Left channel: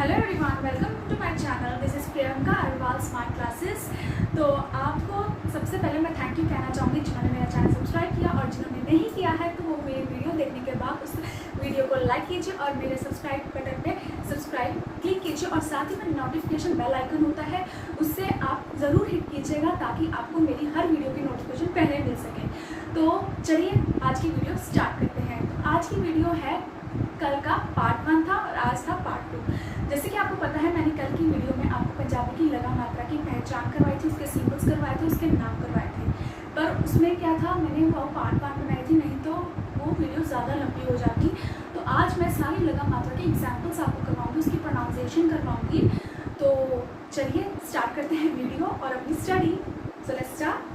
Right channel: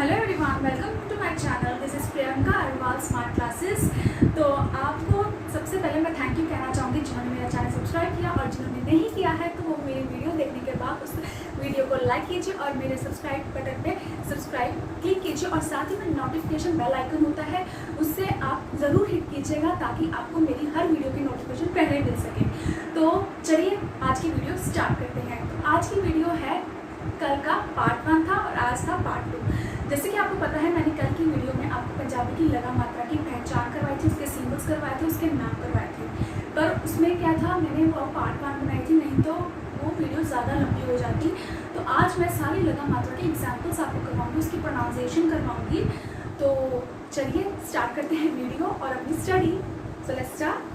Hello everyone, welcome to my channel. This is Priyanka Agarwal smart classes. तो आपको सबसे पहले मैं थैंक यू कहना चाहूँगी जिन्होंने मेरा चैनल सब्सक्राइब किया, और जिन्होंने नहीं किया है तो वो मेरी वीडियो देखने के बाद उस वीडियो को लाइक कीजिए और मेरे सब्सक्राइब बटन पे सब्सक्राइब क्लिक कीजिए, और साथ ही में नोटिफिकेशन बेल आइकन होता है उससे आप ज़रूर हिट कीजिएगा ताकि आपको मेरी हर वीडियो की नोटिफिकेशन पहले मिल सके। तो चलिए आज की वीडियो स्टार्ट करते हैं। तो आज की वीडियो है, कल का पार्ट 1 था और आज था पार्ट 2। जैसे कि आपको पता है, मैंने कल की वीडियो में आपको पंजाबी की लगा मात्रा की पहचान करवाई थी, उसके सिंबल्स करवाए थे, उसके नाम करवाए थे। पर उसमें क्या था, मैंने वो पार्ट 1 बनाई थी, नहीं तो वो वीडियो ज़्यादा लंबी हो जाती। तो आज मैं सारी लगा मात्रा के एग्जाम्पल्स आपको करवाऊँगी, उसकी प्रोनाउंसिएशन करवाऊँगी। तो चलिए स्टार्ट करते हैं वीडियो और अपनी स्टडी। So let's start.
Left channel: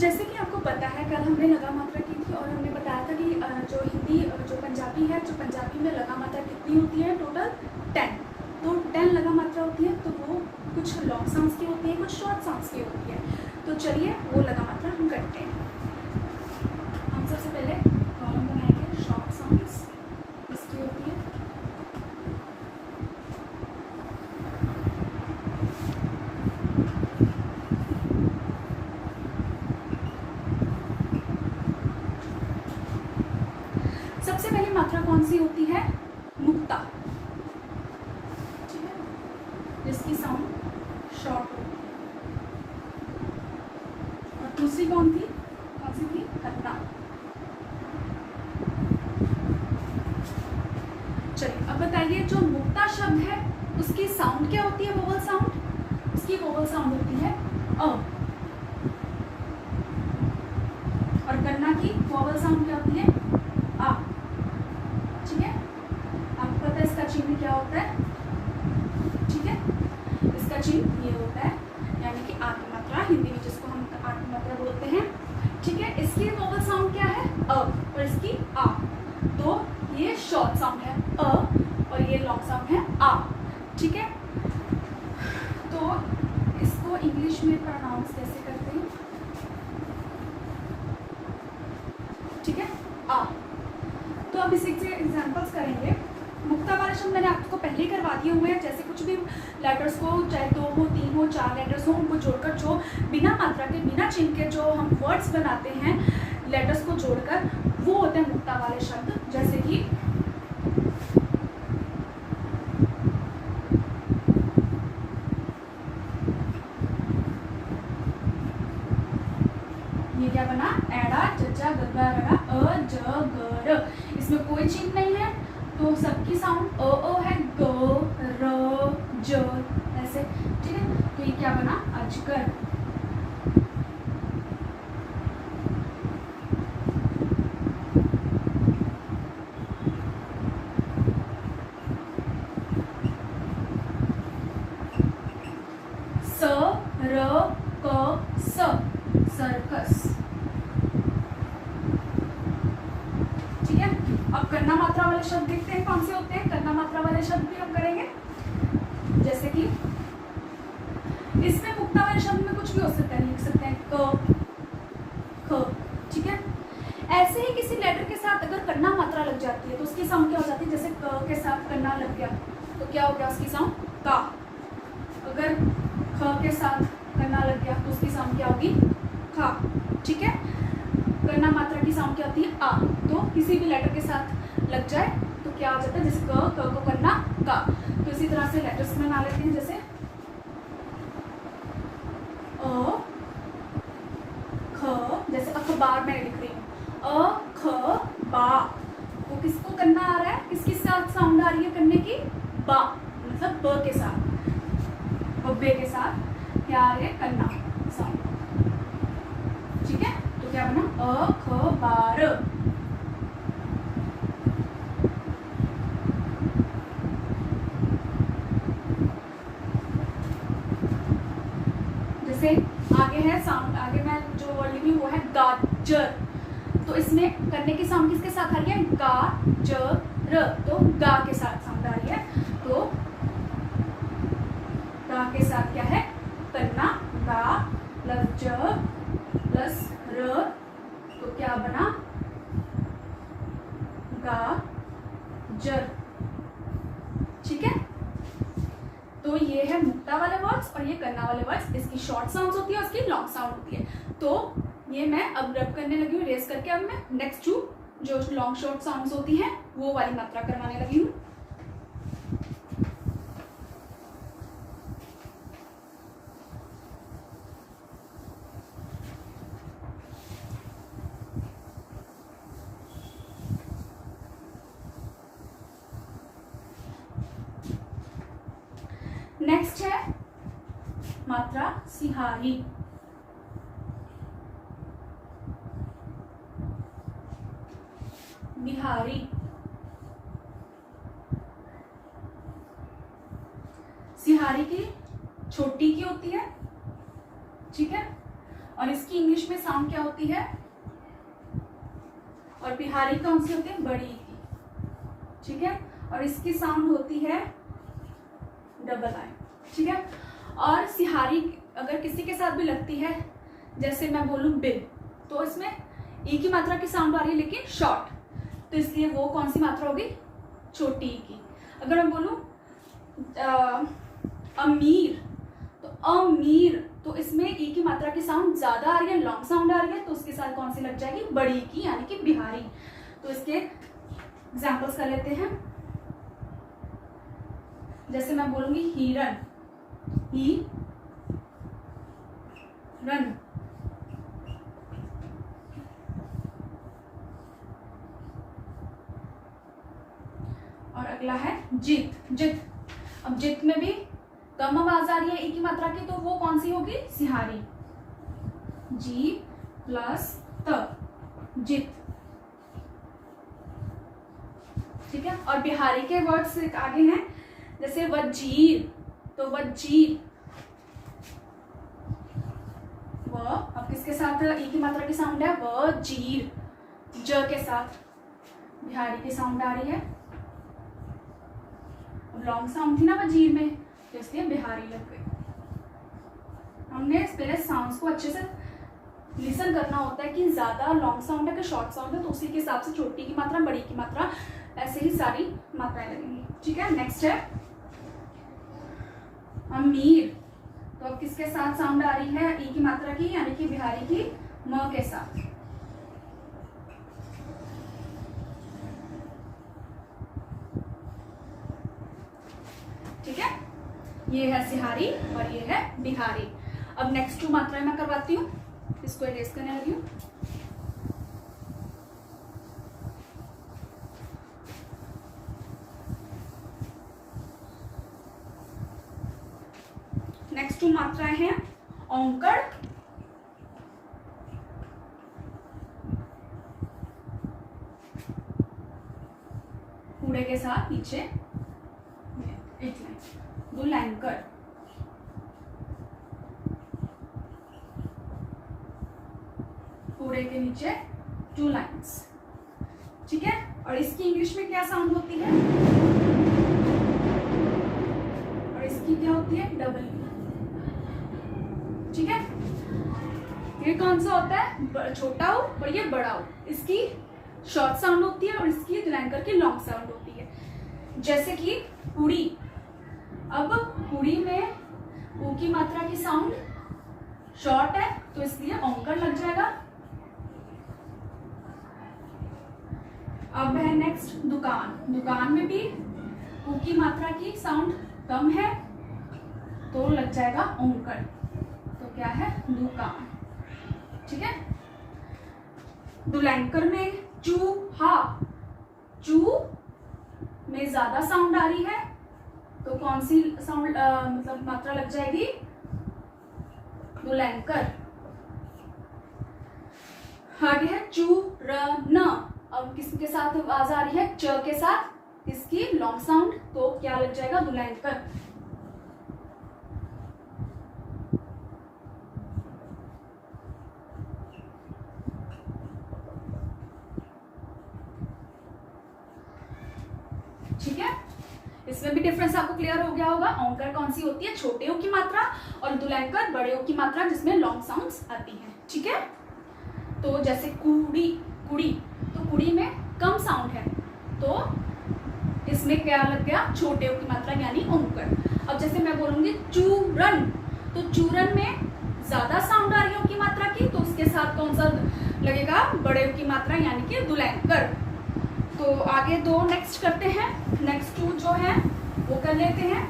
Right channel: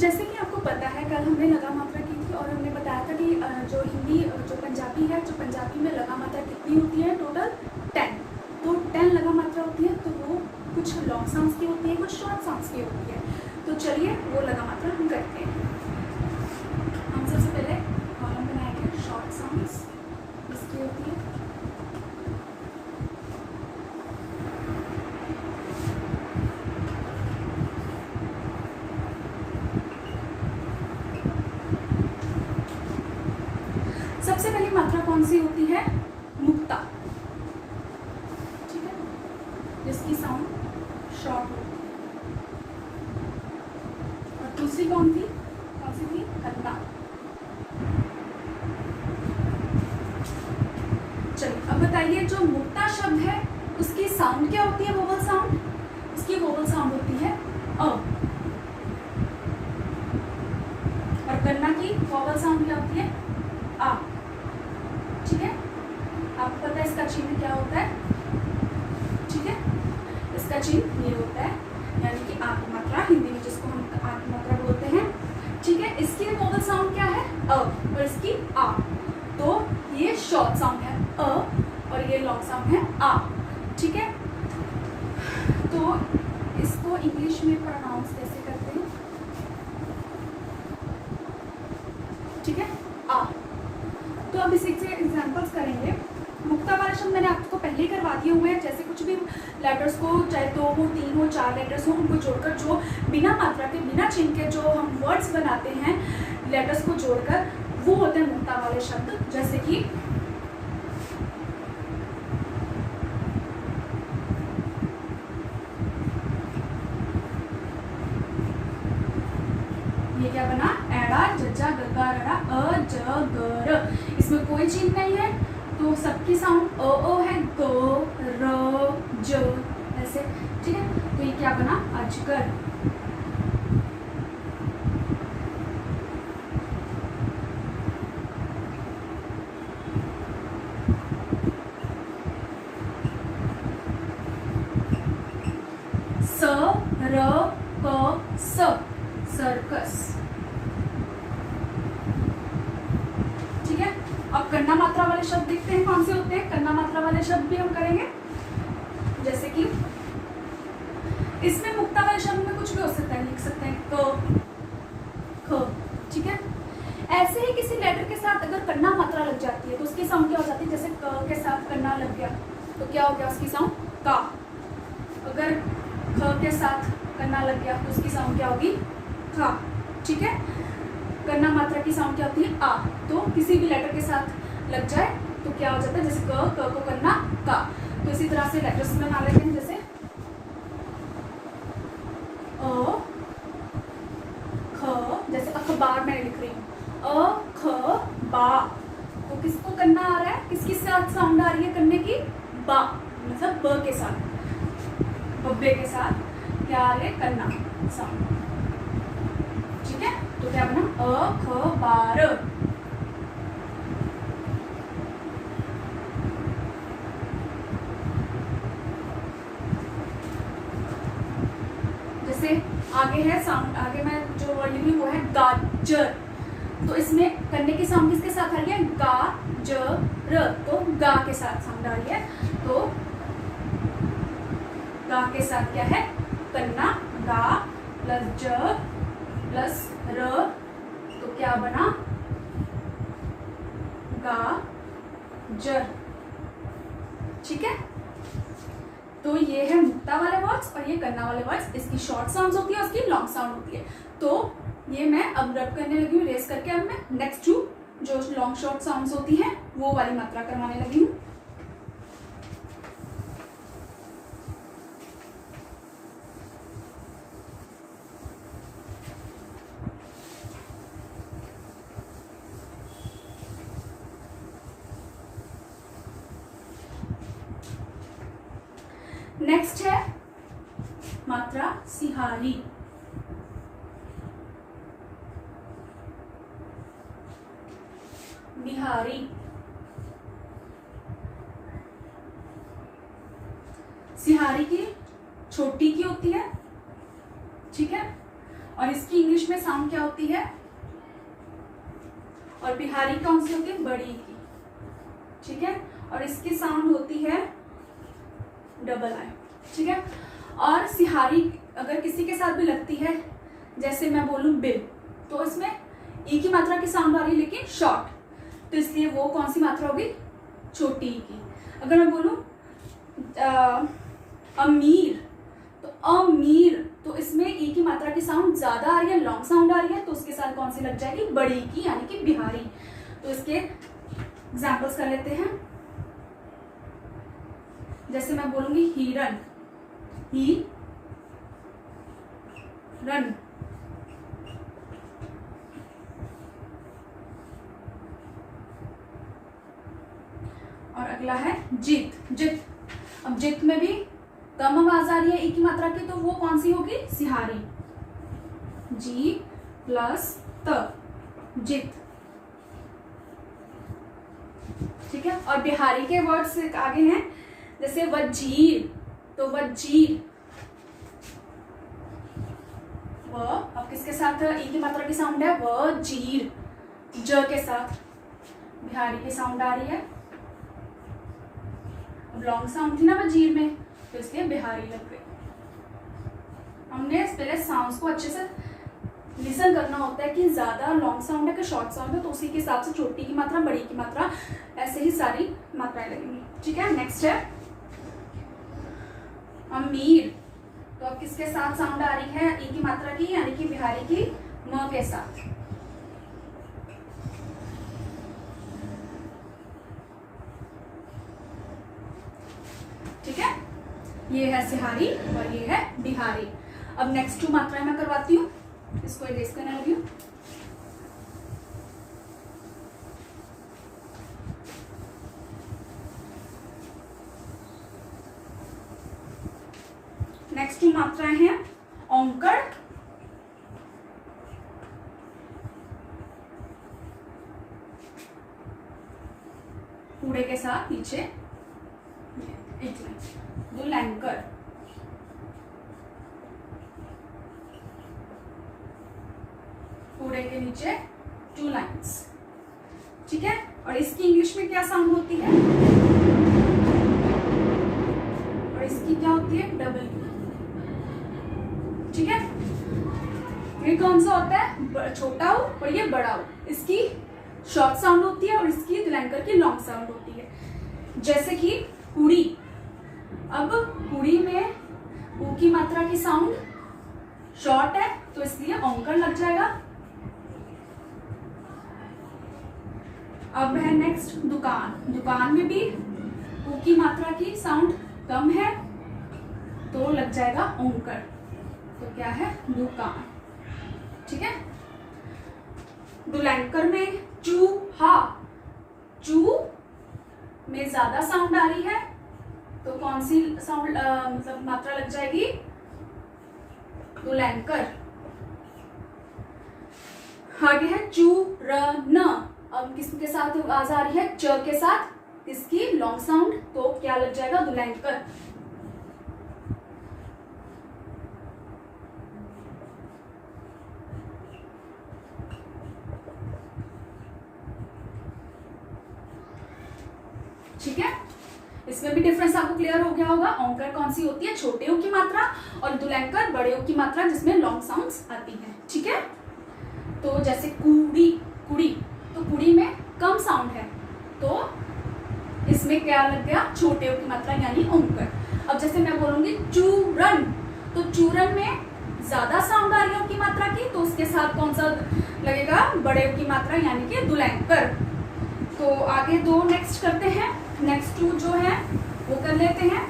जैसे कि आपको पता है, कल हमने लगा मात्रा की थी और हमने बताया था कि जो हिंदी जो पंजाबी है, जो पंजाबी में लगा मात्रा कितनी होती है, टोटल 10। तो 10 लगा मात्रा होती है। तो वो कुछ लॉन्ग साउंड्स की होती है, कुछ शॉर्ट साउंड्स की होती है। तो चलिए वो लगा मात्रा हम करते हैं। हम सबसे पहले कॉलम बनाएंगे शॉर्ट साउंड्स, इसकी होती है। सबसे पहली मात्रा कौन सी होती है? मुक्ता, ठीक है, जिसकी साउंड शॉर्ट होती है। और दूसरी कौन थी? कौन सी थी? कन्ना। चलिए अब बताइए, जो मुक्ता शब्द है उसकी साउंड क्या होती है? Vowel sound. उसकी वोवल साउंड होती है अ। और कन्ना की वोवल साउंड क्या होती है? आ। ठीक है, आपको पता है इसका चिन्ह क्या होता है? ठीक है, इसका चिन्ह ये होता है, यानी कि आ की मात्रा, हिंदी में जिसको हम आ की मात्रा बोलते हैं। ठीक है, इसकी वोवल साउंड क्या है? अ, और इसकी आ। तो ये शॉर्ट साउंड है अ, और ये लॉन्ग साउंड है आ। ठीक है, तो इसको इंग्लिश में प्रोनाउंस कैसे करते हैं? ठीक है, आ। तो अब इसी से एग्जाम्पल्स करेंगे। मुक्ता वाले शब्द मैंने आपको पहले ही करवा दिए हुए हैं। जैसे कुछ भी लेटर्स को, चाहे 2 हो, 3 हो, 4 लेटर्स हो, उनको जोड़कर जो बिना मात्रा के, बिना चिन्ह के जो हम वर्ड्स बनाते हैं लेटर्स को जोड़कर, वो होते हैं मुक्ता वाले शब्द। जैसे कि ये क्या बना? एड़ा, जज्जा, गग्गा, रड़ा, अ, ज, ग, र। इसमें कोई चिन्ह नहीं है, तो सबकी साउंड अ है, ग, र, ज, ऐसे। ठीक है, तो ये क्या बना? अजगर। स, र, क, स, सर्कस। ठीक है, अब कन्ना मात्रा वाले शब्द देखते हैं कौन से होते हैं। कन्ना मात्रा वाले शब्द भी हम करेंगे। जैसे कि इसमें मुक्ता वाले शब्द में कुछ भी हो सकता है, लिख सकते हैं क, ख। ठीक है, ऐसे ही किसी लेटर के साथ अगर कन्ना मात्रा लग जाती है तो उसकी साउंड क्या हो जाती है? जैसे क के साथ कन्ना लग गया तो क्या हो गया? उसकी साउंड का। अगर ख के साथ कन्ना लग गया तो उसकी साउंड क्या होगी? खा। ठीक है, कन्ना मात्रा की साउंड क्या होती है? आ। तो किसी भी लेटर के साथ लग जाए तो क्या हो जाता है? जैसे क को कन्ना का। तो इसी तरह से लेटर्स बना लेते हैं। जैसे अ, ख, जैसे अखबार में लिख रही हूँ, अ, ख, बा। तो किसको कन्ना आ रहा है? किसके साथ साउंड आ रही है कन्ने की? बा, मतलब ब के साथ, बब्बे के साथ क्या आ रही है? कन्ना साउंड। ठीक है, तो क्या बना? अ, ख, बार। जैसे आगे है साउंड, आगे मैं जो वर्ड लिखी वो है गाजर, तो इसमें करने की साउंड किसके साथ आ रही है, गा ज र, तो गा के साथ साउंड आ रही है, तो गा के साथ क्या है करना, गा प्लस ज प्लस र, तो क्या बना गा जर। ठीक है, तो ये है मुक्ता वाले वर्ड्स और ये करना वाले वर्ड्स, इसकी शॉर्ट साउंड्स होती है, उसकी लॉन्ग साउंड होती है। तो ये मैं अब रब करने लगी हूँ, रेस करके अब मैं नेक्स्ट टू जो लॉन्ग शॉर्ट साउंड्स होती हैं वो वाली मात्रा करवाने लगी हूँ। नेक्स्ट है मात्रा सिहारी। बिहारी, सिहारी की छोटी की होती है, ठीक है, और इसकी इंग्लिश में साउंड क्या होती है, और बिहारी कौन सी होती है, बड़ी की, ठीक है, और इसकी साउंड होती है डबल आई, ठीक है। और सिहारी अगर किसी के साथ भी लगती है, जैसे मैं बोलूं बिल, तो इसमें ई की मात्रा की साउंड आ रही है लेकिन शॉर्ट, तो इसलिए वो कौन सी मात्रा होगी, छोटी ई की। अगर मैं बोलूं अमीर, तो अमीर, तो इसमें ई की मात्रा की साउंड ज्यादा आ रही है, लॉन्ग साउंड आ रही है, तो उसके साथ कौन सी लग जाएगी, बड़ी की, यानी कि बिहारी। तो इसके एग्जाम्पल्स कर लेते हैं। जैसे मैं बोलूंगी हिरन, ही रन, और अगला है जित, जित। अब जित में भी कम आवाज आ रही है ई की मात्रा की, तो वो कौन सी होगी, सिहारी, जी प्लस त, जित, ठीक है। और बिहारी के वर्ड्स आगे हैं, जैसे वजीर, तो वजीर, व अब किसके साथ ई की मात्रा की साउंड है, वजीर, ज के साथ बिहारी की साउंड आ रही है। अब लॉन्ग साउंड थी ना वजीर में, तो इसलिए बिहारी लग गई। हमने पहले साउंड्स को अच्छे से लिसन करना होता है कि ज्यादा लॉन्ग साउंड है कि शॉर्ट साउंड है, तो उसी के हिसाब से छोटी की मात्रा, बड़ी की मात्रा, ऐसे ही सारी मात्राएं लगेंगी, ठीक है। नेक्स्ट है अमीर, तो अब किसके साथ साउंड आ रही है, ई की मात्रा की, यानी कि बिहारी की, म के साथ, ठीक है। ये है सिहारी और ये है बिहारी। अब नेक्स्ट टू मात्राएं मैं करवाती हूँ, इसको इरेज करने लगी हूँ। नेक्स्ट टू मात्राएं हैं औंकड़, कूड़े के साथ नीचे एक लाइन, दुलैंकर, कूड़े के नीचे 2 लाइन्स, ठीक है। और इसकी इंग्लिश में क्या साउंड होती है, और इसकी क्या होती है, डबल, ठीक है। ये कौन सा होता है, छोटा हो और ये बड़ा हो, इसकी शॉर्ट साउंड होती है और इसकी दुलैंकर की लॉन्ग साउंड होती है। जैसे कि कुड़ी, अब कुड़ी में ऊ की मात्रा की साउंड शॉर्ट है, तो इसलिए औंकड़ लग जाएगा। अब है नेक्स्ट दुकान, दुकान में भी ऊ की मात्रा की साउंड कम है, तो लग जाएगा औंकड़, तो क्या है, दुकान, ठीक है। दुलैंकर में चूहा, चू में ज्यादा साउंड आ रही है, तो कौन सी साउंड मतलब मात्रा लग जाएगी, दुलैंकर। आगे है चूरन, अब किसके साथ आवाज आ रही है, च के साथ, इसकी लॉन्ग साउंड, तो क्या लग जाएगा, दुलैंकर। इसमें भी डिफरेंस आपको क्लियर हो गया होगा। औंकर कौन सी होती है, छोटे ओ की मात्रा, और दुलैंकर बड़े ओ की मात्रा जिसमें लॉन्ग साउंड्स आती हैं। ठीक है, तो जैसे कुड़ी, कुड़ी, तो कुड़ी में कम साउंड है, तो इसमें क्या लग गया, छोटे ओ की मात्रा यानी औंकर। अब जैसे मैं बोलूंगी चूरन, तो चूरन में ज्यादा साउंड आ रही है ओ की मात्रा की, तो उसके साथ कौन सा लगेगा, बड़े ओ की मात्रा यानी कि दुलैंकर। तो आगे दो नेक्स्ट करते हैं। नेक्स्ट टू जो है वो कर लेते हैं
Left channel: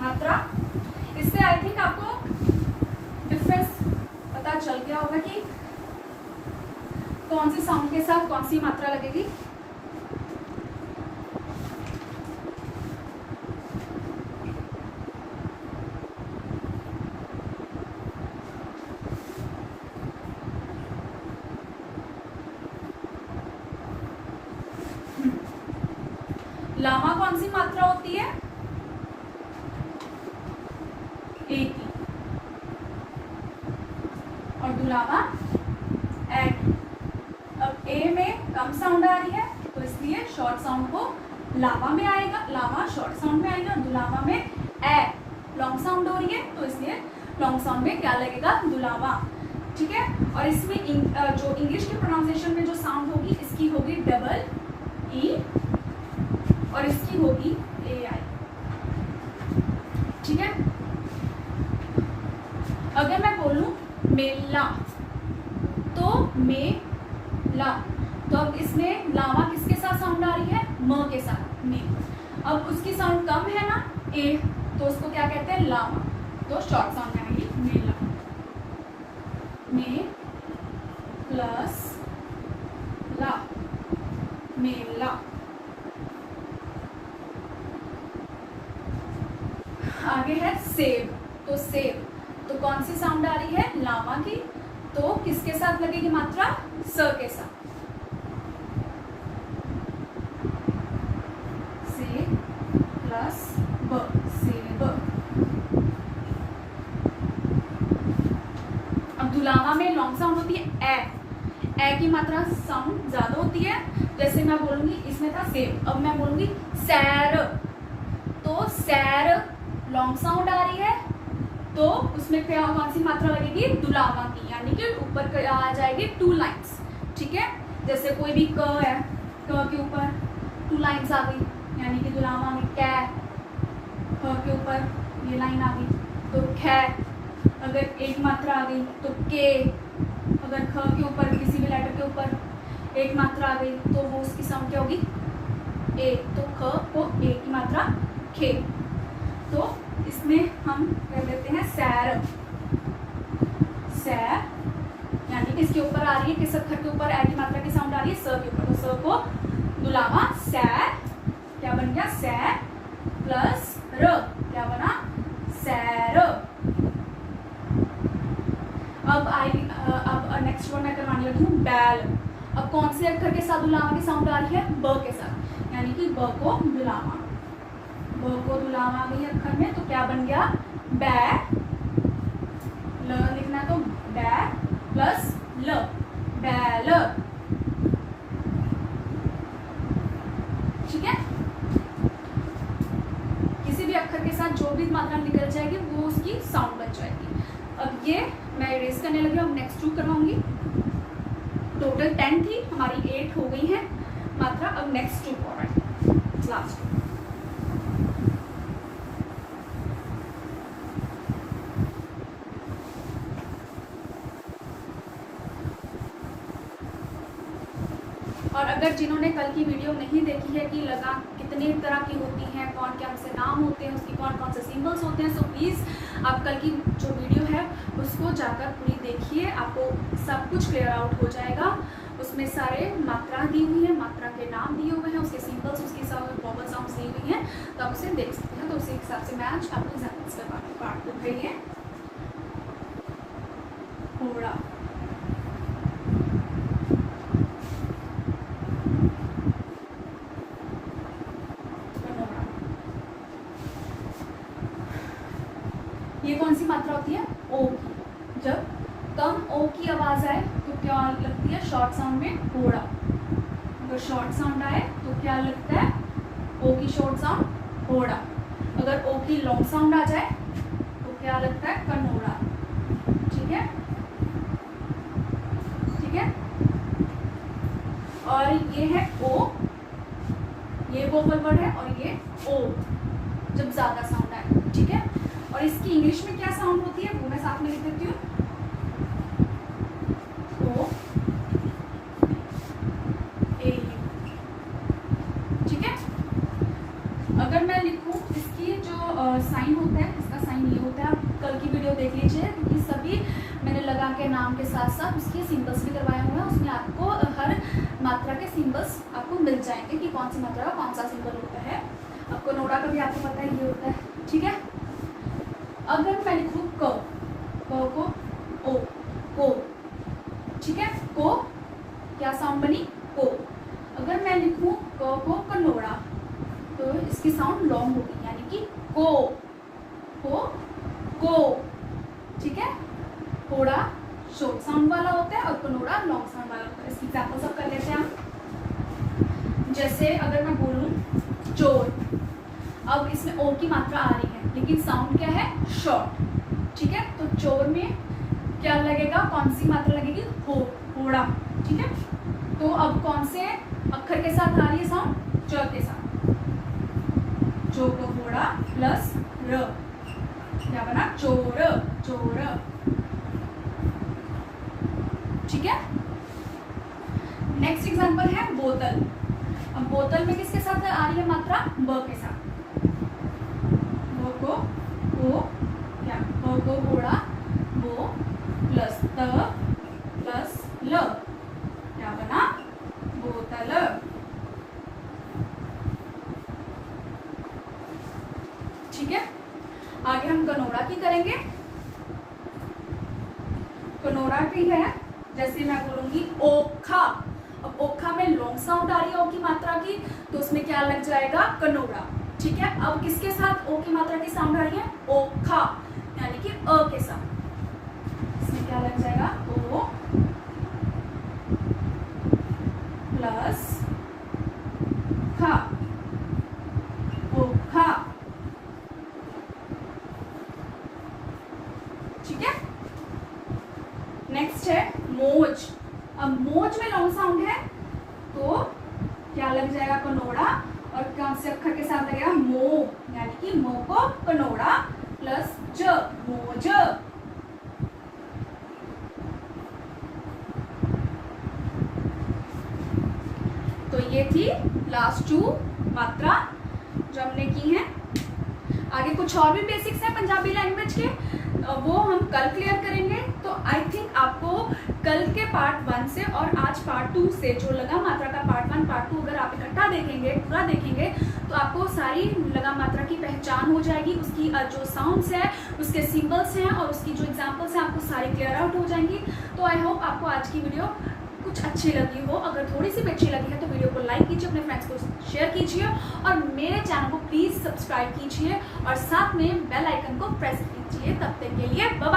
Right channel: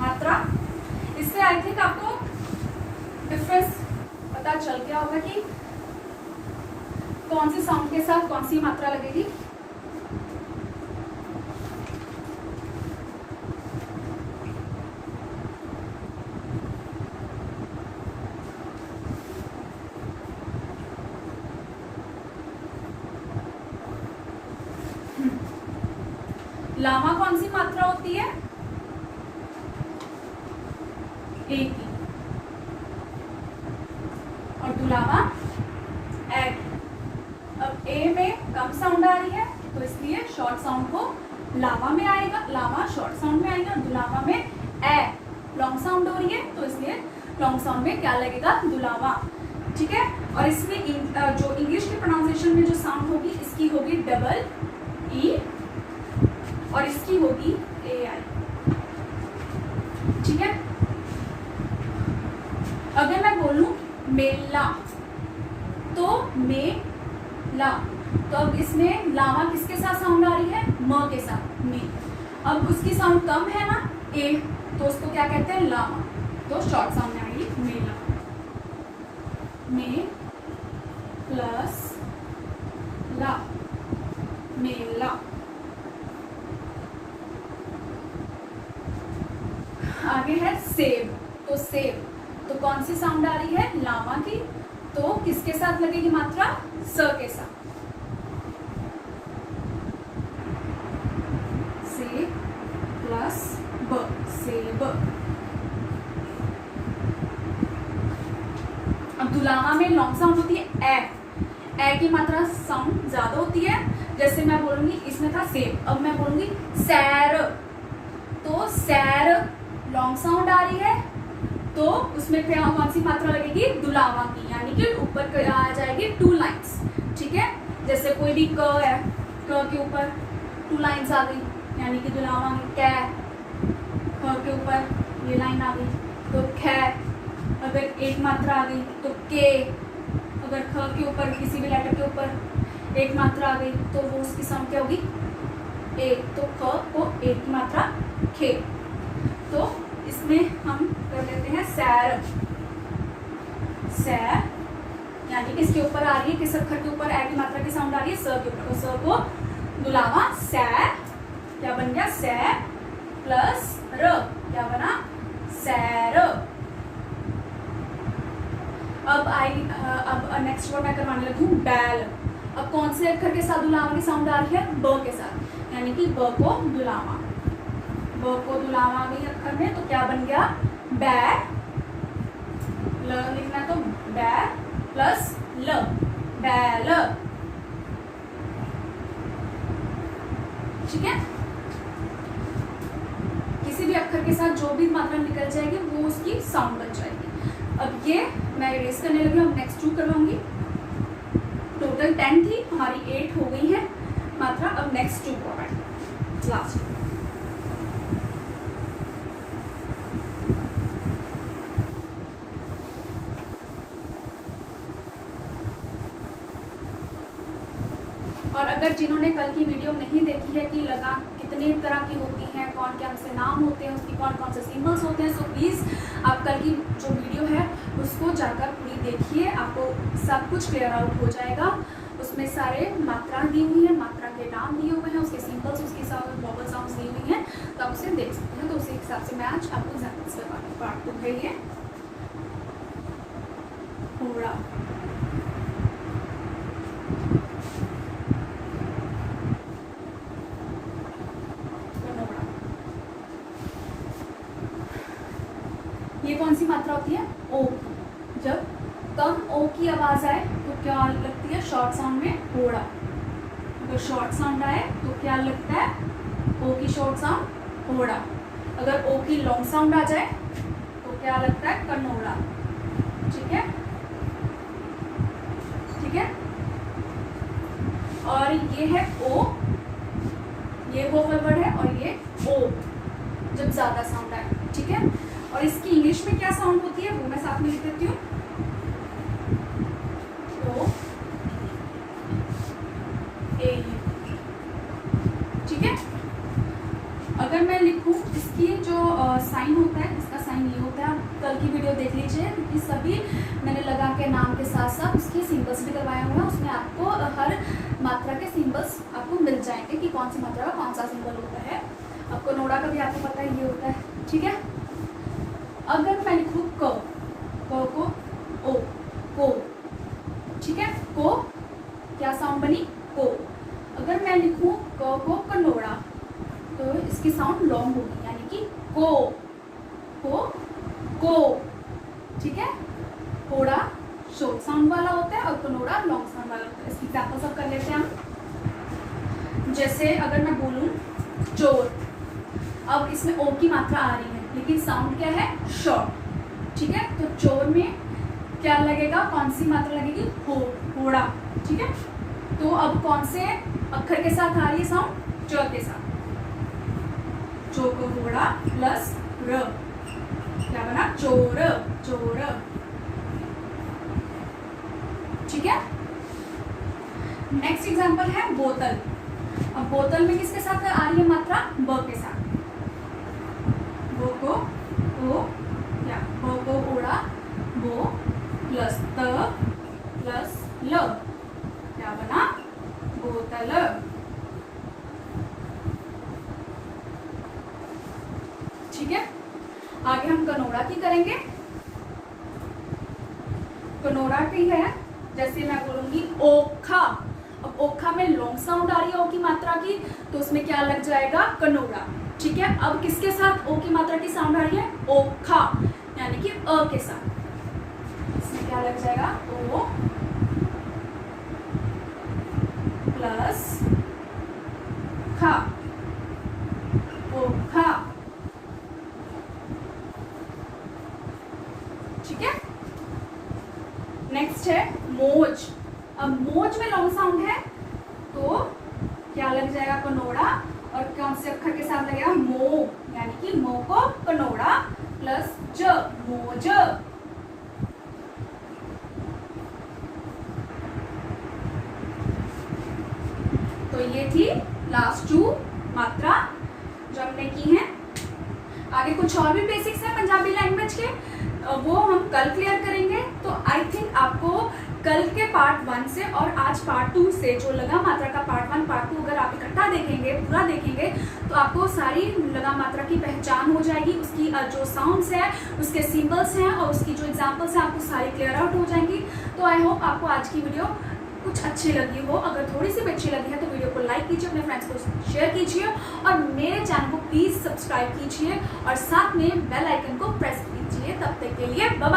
मात्रा। इससे आई थिंक आपको डिफरेंस पता चल गया होगा कि कौन सी साउंड के साथ कौन सी मात्रा लगेगी। लामा कौन सी मात्रा होती है, ए की, और दुलामा ए की। अब ए में कम साउंड आ रही है, तो इसलिए शॉर्ट साउंड को लामा में आएगा, लामा शॉर्ट साउंड में आएगा। दुलामा में ए लॉन्ग साउंड हो रही है, तो इसलिए लॉन्ग साउंड में क्या लगेगा, दुलामा। ठीक है, और इसमें जो इंग्लिश की प्रोनाउंसिएशन में जो साउंड होगी, इसकी होगी डबल ई और इसकी होगी ए आई। ठीक है, अगर मैं बोलूं मेला, तो मेला, तो अब इसमें लामा किसके साथ साउंड आ रही है, म के साथ, में। अब उसकी साउंड कम है ना, ए, तो उसको क्या कहते हैं, लामा, तो शॉर्ट साउंड में आएगी मेला, में प्लस ला, मेला। आगे है सेब, तो सेब, तो कौन सी साउंड आ रही है, लामा की, तो किसके साथ लगेगी मात्रा, स के साथ, से प्लस ब, सेब। अब दुलामा में लॉन्ग साउंड होती है ए की मात्रा साउंड ज्यादा होती है। जैसे मैं बोलूंगी, इसमें था सेब, अब मैं बोलूंगी सैर, तो सैर लॉन्ग साउंड आ रही है, तो उसमें क्या कौन सी मात्रा लगेगी, दुलामा की, यानी कि ऊपर आ जाएगी 2 लाइन्स। ठीक है, जैसे कोई भी क है, क के ऊपर 2 लाइन्स आ गई, यानी कि दुलामा में कै, ख के ऊपर ये लाइन आ गई, तो खे। अगर एक मात्रा आ गई तो के, अगर ख के ऊपर किसी भी लेटर के ऊपर एक मात्रा आ गई, तो वो उसकी साउंड क्या होगी, ए, तो ख को एक की मात्रा खे। तो इसमें हम कर लेते हैं सैर, सैर, यानी कि इसके ऊपर आ रही है, किस अक्षर के ऊपर ए की मात्रा की साउंड आ रही है, स के ऊपर, तो स को दुलामा सैर, क्या बन गया, सैर प्लस र, क्या बना, सैर। अब नेक्स्ट वर्ड मैं करवाने लगी हूँ बैल। अब कौन से अक्षर के साथ दुलामा की साउंड आ रही है, ब के साथ, यानी कि ब को दुलामा, ब को दुलामा आ गई अक्षर में, तो क्या बन गया, बै, ल लिखना है, तो बै प्लस ल, बैल। ठीक है, किसी भी अक्षर के साथ जो भी मात्रा निकल जाएगी वो उसकी साउंड बन जाएगी। अब ये मैं इरेज करने लगी, अब नेक्स्ट 2 करवाऊंगी। टोटल 10 थी, हमारी 8 हो गई है मात्रा। अब नेक्स्ट 2 करवाएंगे, लास्ट। और अगर जिन्होंने कल की वीडियो नहीं देखी है कि लगान कितने तरह की होती हैं, कौन कौन से नाम होते हैं, उसकी कौन कौन से सिंबल्स होते हैं, सो प्लीज़ आप कल की जो वीडियो है उसको जाकर पूरी देखिए, आपको सब कुछ क्लियर आउट हो जाएगा। उसमें सारे मात्रा दी हुई है, मात्रा के नाम दिए हुए हैं, उसके सिंबल्स, उसकी साउंड, वोवल साउंड्स दी हुई हैं, तो आप उसे देख सकते हैं। तो उसी हिसाब से मैं आज आपको एग्जाम्पल्स का पार्ट कर रही है। पूरा ये कौन सी मात्रा होती है, ओ की। जब कम ओ की आवाज आए तो क्या लगती है, शॉर्ट साउंड में होड़ा। अगर शॉर्ट साउंड आए तो क्या लगता है, ओ की शॉर्ट साउंड होड़ा। अगर ओ की लॉन्ग साउंड आ जाए तो क्या लगता है, कनोड़ा। ठीक है, ठीक है। और ये है ओ, ये वोवल वर्ड है, और ये ओ जब ज्यादा साउंड आए। ठीक है, और इसकी इंग्लिश में क्या साउंड होती है वो मैं साथ में लिख देती हूँ, ओ ए यू। ठीक है, अगर मैं लिखूं इसकी जो साइन होता है, इसका साइन ये होता है। आप कल की वीडियो देख लीजिए, क्योंकि सभी मैंने लगा के नाम के साथ साथ उसके सिंबल्स भी करवाए हुए हैं। उसमें आपको हर मात्रा के सिंबल्स आपको मिल जाएंगे कि कौन सी मात्रा का कौन सा सिंबल होता है। आपको नोड़ा का भी आपको पता है ये होता है। ठीक है, अगर मैं लिखूं को ओ, को। ठीक है, को क्या साउंड बनी, को। अगर मैं लिखूं को कनोड़ा तो इसकी साउंड लॉन्ग होगी, यानी कि को। ठीक है, कोड़ा शॉर्ट साउंड वाला होता है और कनोड़ा लॉन्ग साउंड वाला होता है। इसकी एग्जांपल सब कर लेते हैं हम। जैसे अगर मैं बोलूं चोर, अब इसमें ओ की मात्रा आ रही है लेकिन साउंड क्या है, शॉर्ट। ठीक है, तो चोर में क्या लगेगा, कौन सी मात्रा लगेगी, होड़ा। ठीक है, तो अब कौन से अक्षर के साथ आ रही है साउंड, च के साथ। चो को होड़ा प्लस र, क्या बना, चोर, चोर। ठीक है, नेक्स्ट एग्जांपल है बोतल। अब बोतल में किसके साथ आ रही है मात्रा, ब के साथ। बो को होड़ा बो प्लस त प्लस ल, क्या बना, बोतल। ठीक है, आगे हम कनोड़ा की करेंगे। कनोड़ा की है, जैसे मैं बोलूंगी ओखा। अब ओखा में लॉन्ग साउंड आ रही है ओ की मात्रा की, तो उसमें क्या लग जाएगा, कनोड़ा। ठीक है, अब किसके साथ ओ की मात्रा की साउंड आ रही है, ओखा, यानी कि अ के साथ। इसमें क्या लग जाएगा, ओ प्लस खा, ओखा। ठीक है, नेक्स्ट है मोज। अब मोज में लॉन्ग साउंड है तो क्या लग जाएगा, कनोड़ा, और कौन से अक्षर के साथ लगेगा, मो, यानी कि मो को कनोड़ा प्लस ज, मोज। तो ये थी लास्ट 2 मात्रा जो हमने की है। आगे कुछ और भी बेसिक्स हैं पंजाबी लैंग्वेज के, वो हम कल क्लियर करेंगे। तो आई थिंक आपको कल के पार्ट 1 से और आज पार्ट 2 से जो लगा मात्रा का पार्ट 1 पार्ट 2 अगर आप इकट्ठा देखेंगे, पूरा देखेंगे, तो आपको सारी लगा मात्रा की पहचान हो जाएगी। उसकी जो साउंड्स है, उसके सिंबल्स हैं और उसकी जो एग्जाम्पल्स हैं, आपको सारी क्लियर आउट हो जाएंगी। तो आई होप आपको आज की वीडियो कुछ अच्छी लगी हो। अगर थोड़ी सी भी अच्छी लगी है तो वीडियो को लाइक कीजिए, अपने फ्रेंड्स को शेयर कीजिए और मेरे चैनल को प्लीज सब्सक्राइब कीजिए और साथ में बेल आइकन को प्रेस कीजिए। तब तक के लिए बाय बाय।